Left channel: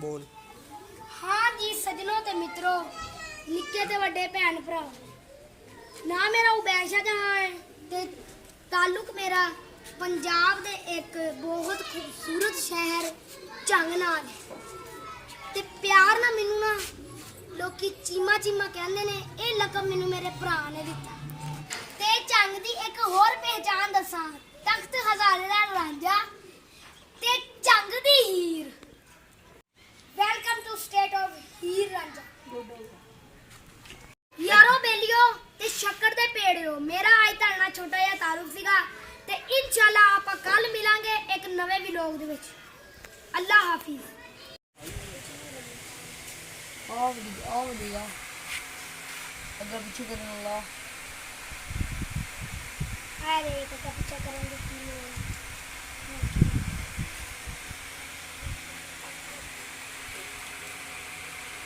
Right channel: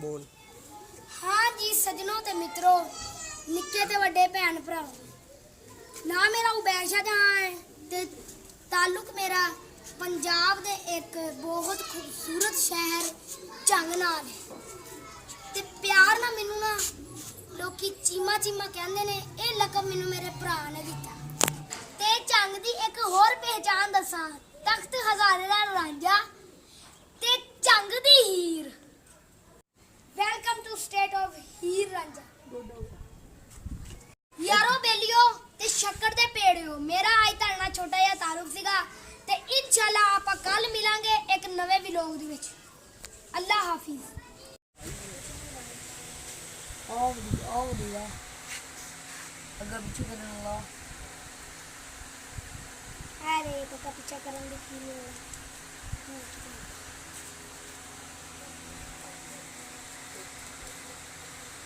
बोल। हाँ जी सजनों ते मित्रों, निक्के ते वड्डे भैन भरा, ना मेरा उबैशा जहाँ है ते ताल्लुक मेरा पंजाब दे एक बहुत खूबसूरत शहर झंग नाल है। ते प्यार ना मैनू ना लोकी चीमा चीमा कहंदे ने। ये लकब मैनू मेरे भरा ने दिता। ते झंग दी एक होर पहचान दसां, तख्त हजारे दा रांझा ते झंग दी हीर। वेलकम टू स्टेट ऑफ हीर रांझा। यारो बेलियो ते शक्कर दे पेड़ियो, मेरा आज तुहाडे नाल छोटा जिहा तारुफ सीगा ते इंशाअल्लाह आपां कल मिलांगे एक नवे व्लॉग दे विच। अल्लाह हाफिज। अगर पीछे करने लगा अरे तो पीछा करेंगे।